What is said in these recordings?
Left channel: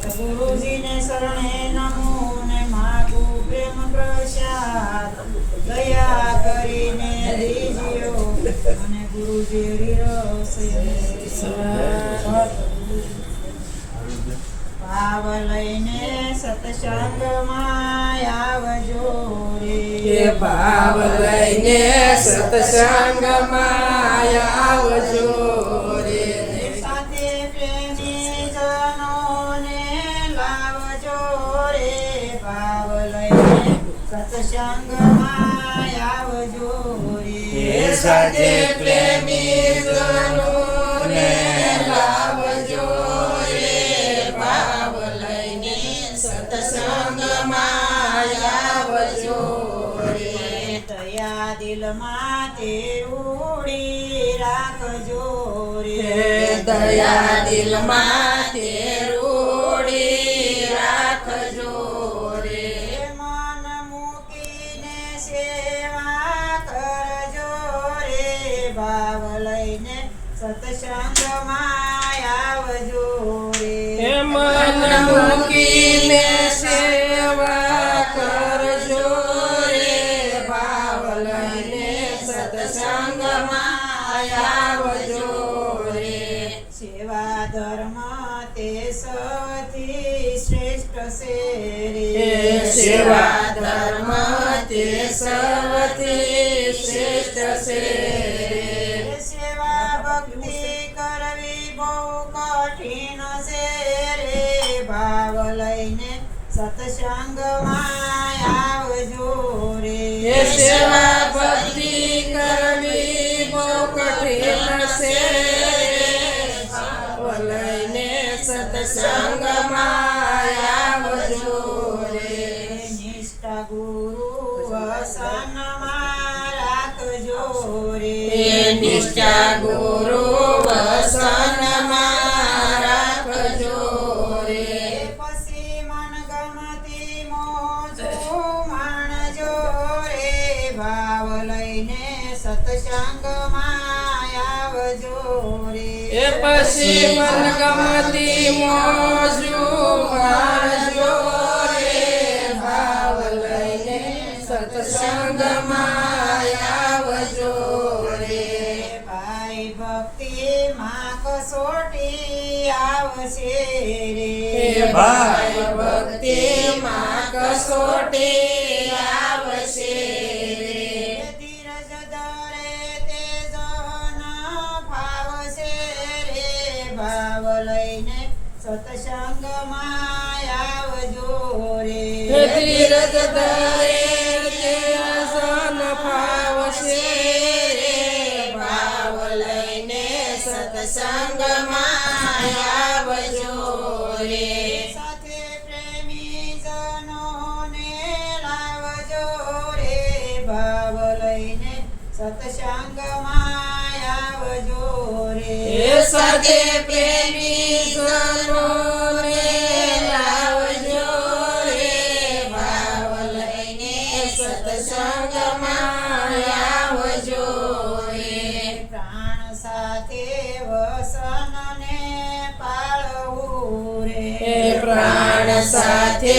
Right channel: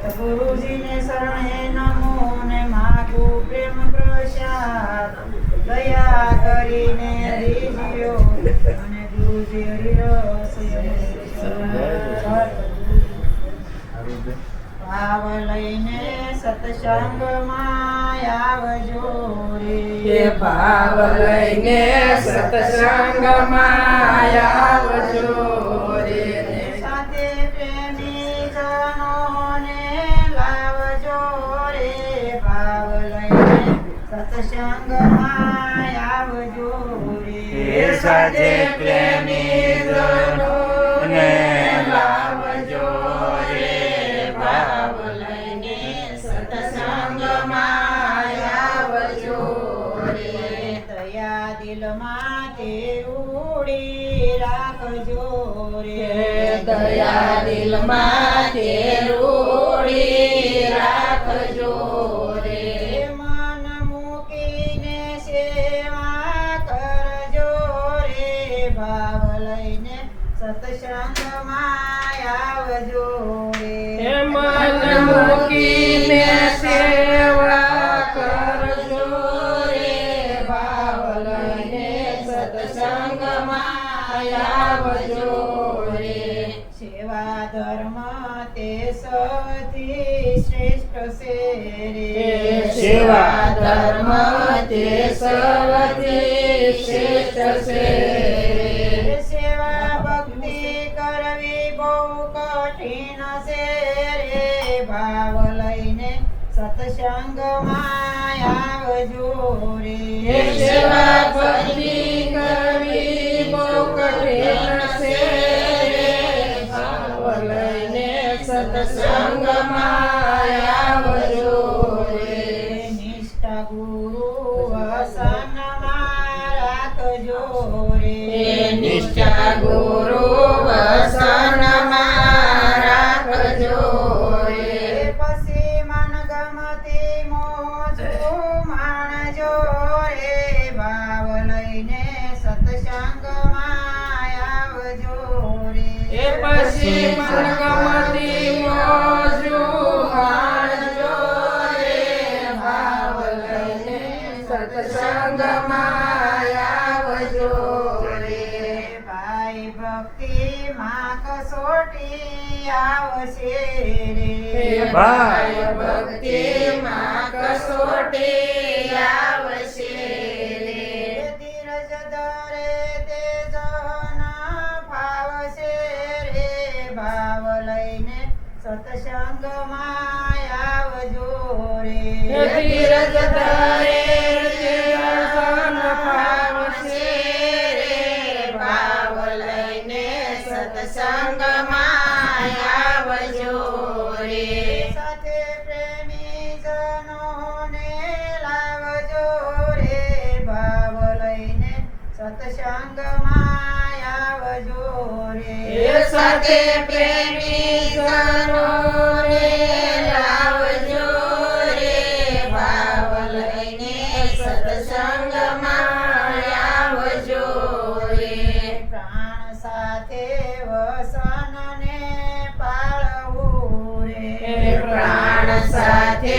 સતગુરુજીને શરણે નમો ને માગુ પ્રેમ પ્રસાદ દયા કરીને દીજ્યો અને ગુરુજી હરિરસ ભાવ લઈને સત્સંગમાં આવજો રે ભાવ લઈને સત્સંગમાં આવજો આવજો. રે સાથે પ્રેમી દિલમાં તે ઉડી રાખજો. રે દયા દિલમાં લઈને માયાવજો રે. મન મૂકીને સેવા કરજો રે. ભાવ લઈને સત્સંગમાં આવજો રે. સેવા ધર્મ તે સૌથી શ્રેષ્ઠ છે રે. સેવા ધર્મ તે સૌથી શ્રેષ્ઠ છે છે રે ભાવ લઈને સત્સંગમાં આવજો રે. લઈને સત્સંગમાં આવજો રે એ પછી મન ગમતી મોજું મારજો રે ભાવ લઈને સત્સંગમાં આવજો રે ભાઈ ભક્તિ માં કસોટી આવશે રે ભાઈ ભક્તિમાં કસોટી સત્સંગમાં આવજો રે ધીરજ ધરે આસન પાવશે રે ભાવ લઈને સત્સંગમાં સત્સંગમાં આવજો રે સાથે પ્રેમી રે લાવજો રે ભાવ લઈને સત્સંગમાં આવજો રે પ્રાણ સાથે વસનને પાળવું રે પ્રાણ સાથે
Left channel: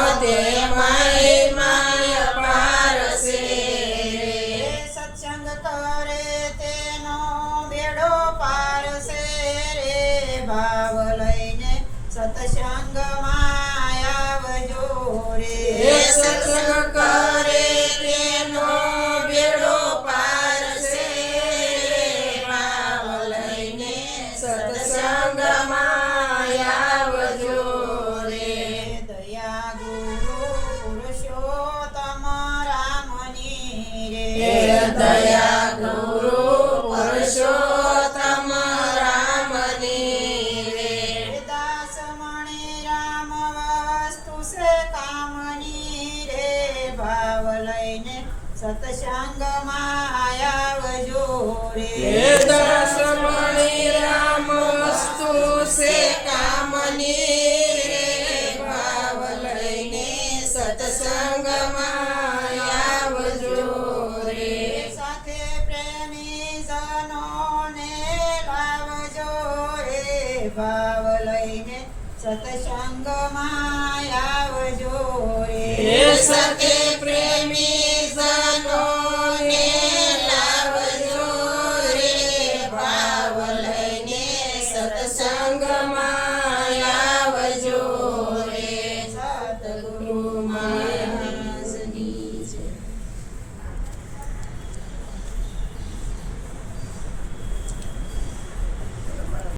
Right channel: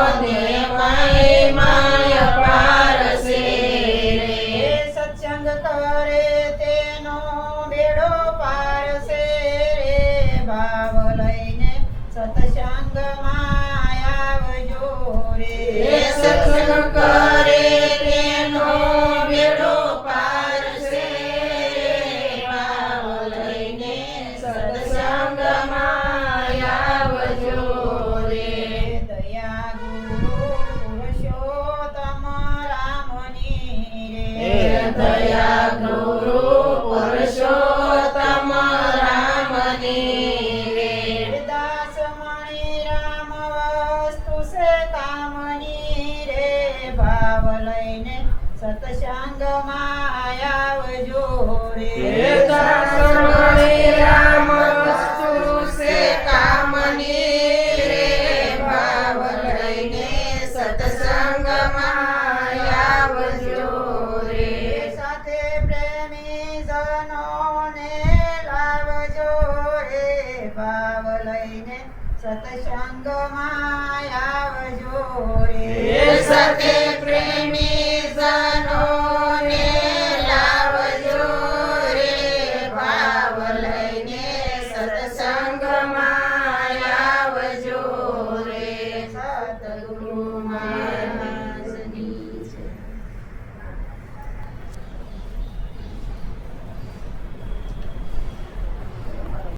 સત્સંગમાં આવજો રે એ સત્સંગ કરે લઈને સત્સંગમાં આવજો રે રામ વસ્તુ છે કામની ભાવ લઈને સત્સંગમાં આવજો રે. સાથે